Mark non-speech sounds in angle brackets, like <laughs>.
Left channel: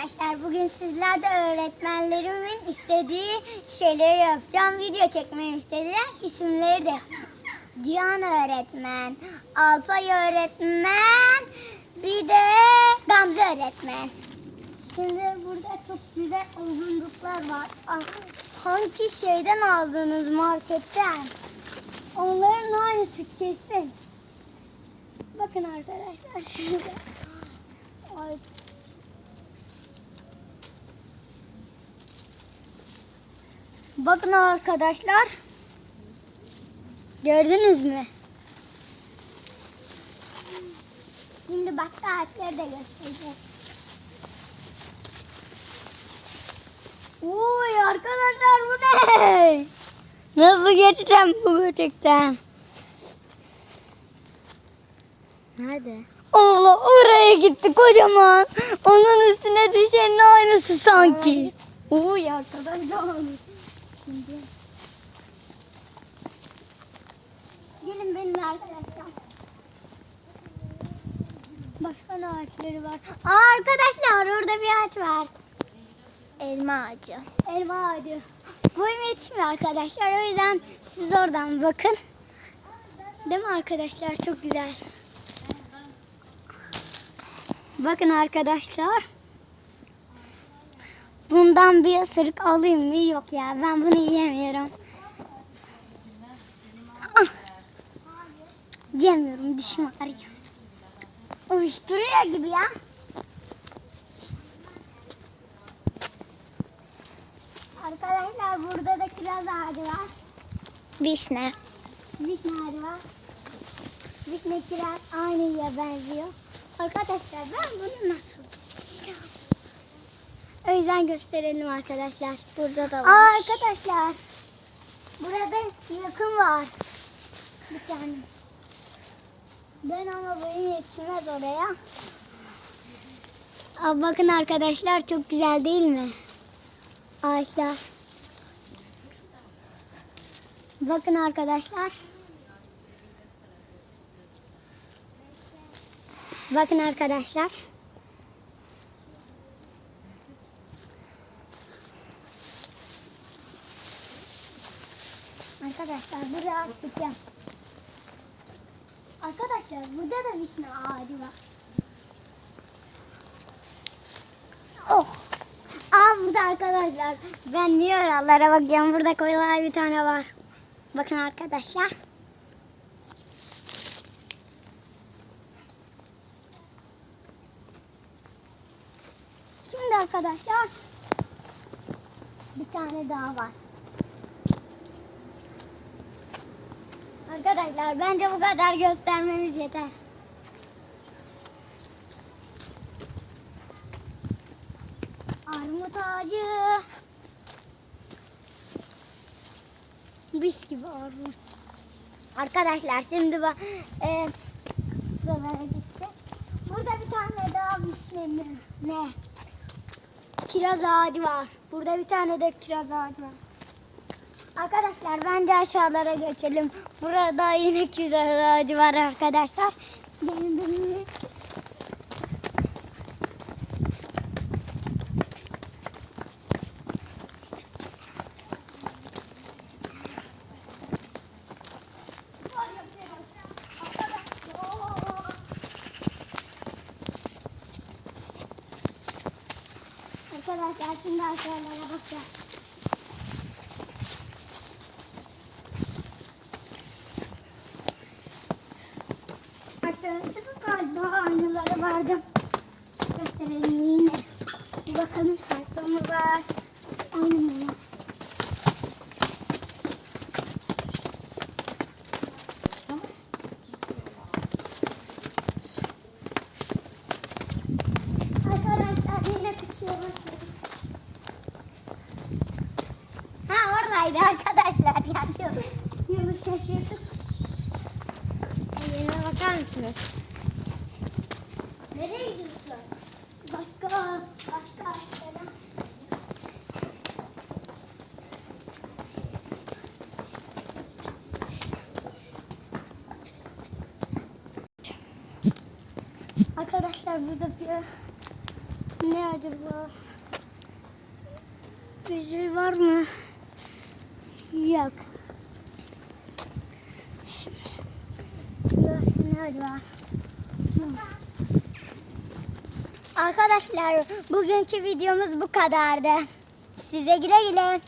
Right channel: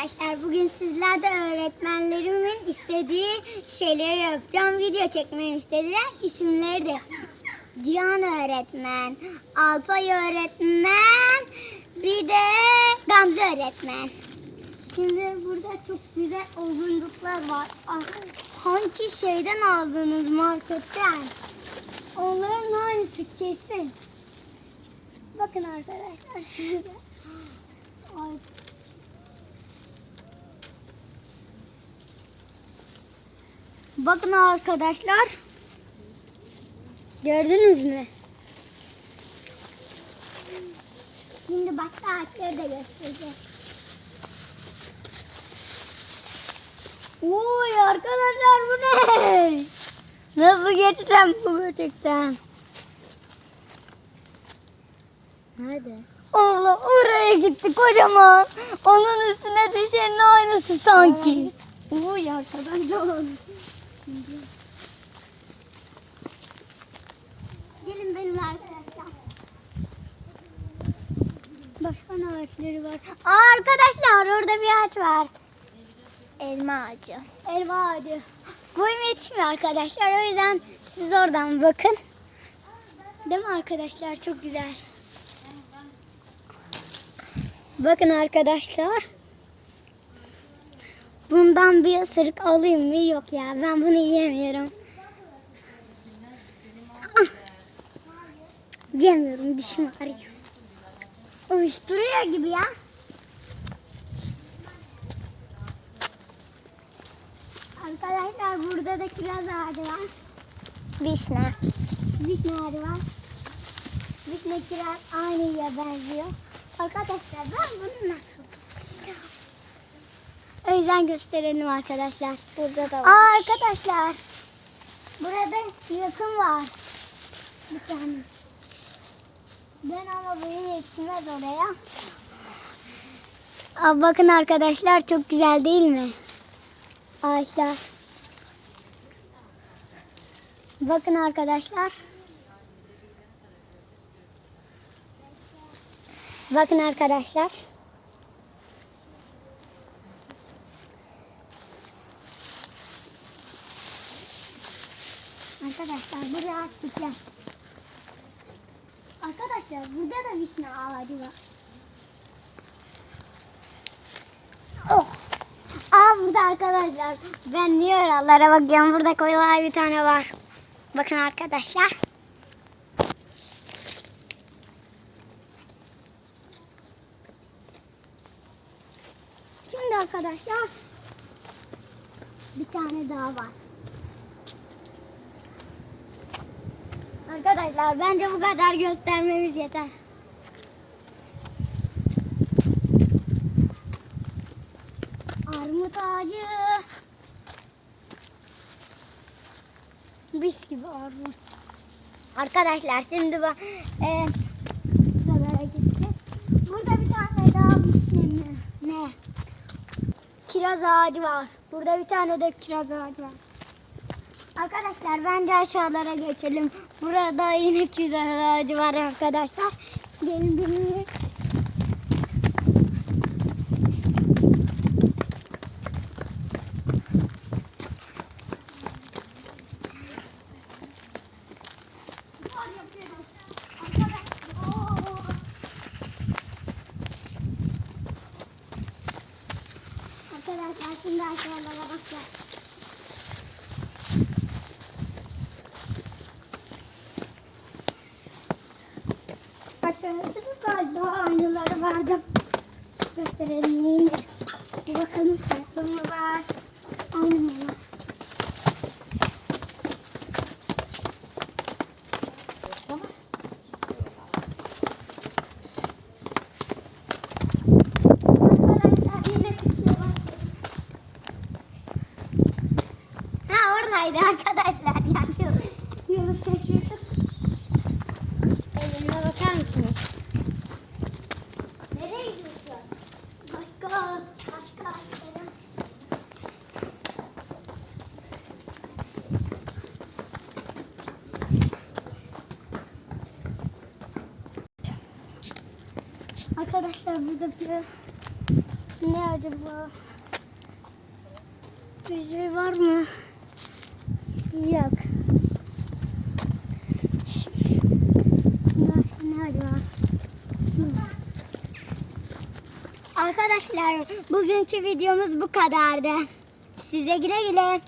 arkadaşlar. Bugün sizler de öğretmenlerimin istediği şeyleri yapacağım. Video çekmemi istediler. İsimleri de Cihan öğretmen, Alpay öğretmen, bir de Gamze öğretmen. Şimdi burada çok güzel oyuncaklar var. Ah, Sanki şeyden aldınız marketten. Onların aynısı kesin. Bakın arkadaşlar. <laughs> Ay. Bakın arkadaşlar. Gördünüz mü? Şimdi başka harfleri de göstereceğim. Oy arkadaşlar bu ne? Nasıl geçeceğim bu böcekten? Nerede? Allah oraya gitti kocaman. Onun üstüne düşenin aynısı sanki. Oy arkadaşlar. Gelin benim arkadaşlar. Başka ne ağaçları var? Arkadaşlar orada bir ağaç var. Elma ağacı. Elma ağacı. Boyum yetişmiyor arkadaşlar. O yüzden siz oradan bakın. Değil mi arkadaşlar? Çok güzel. Bakın arkadaşlar. Bundan bir ısırık alayım mı? Yok ya ben bunu yiyemiyorum. Ah. Yemiyorum dişim ağrıyor. Uyuşturuyor gibi ya. Arkadaşlar burada da kiraz ağacı var. Vişne. Vişne ağacı var. Vişne kiraz aynıya benziyor. Arkadaşlar ben bunu nasıl? Yüzden gösterelim arkadaşlar. Burada da Aa, var. arkadaşlar. Burada yakın var. Bir tane. Ben ama benim yetişmez oraya. Aa, bakın arkadaşlar çok güzel değil mi? Ağaçlar. Bakın arkadaşlar. Bakın arkadaşlar. Arkadaşlar buraya atacağım. Arkadaşlar burada da vişne ağacı var. Oh. Aa burada arkadaşlar. Ben niye oralara bakıyorum? Burada koyular bir tane var. Bakın arkadaşlar. Şimdi arkadaşlar bir tane daha var. Arkadaşlar bence bu kadar göstermemiz yeter. Armut ağacı. Bis gibi armut. Arkadaşlar şimdi bak e, şuralara gittik. Burada bir tane daha mi? Ne? Kiraz ağacı var. Burada bir tane de kiraz ağacı var. Arkadaşlar bence aşağılara geçelim. Burada yine kiraz ağacı var arkadaşlar. Gelin benimle. Arkadaşlar şimdi aşağılara bakacağız. Galiba aynaları vardı. Gösterelim yine. Bir bakalım farklı mı var? Tutuyor. Ha oradaydı arkadaşlar. Yanıyor. Yürü şaşırdık. Mısınız? Nereye gidiyorsun? Başka, başka ağaçlara. Arkadaşlar burada bir Ne acaba? Bir şey var mı? Yok. Arkadaşlar bugünkü videomuz bu kadardı. Size güle güle.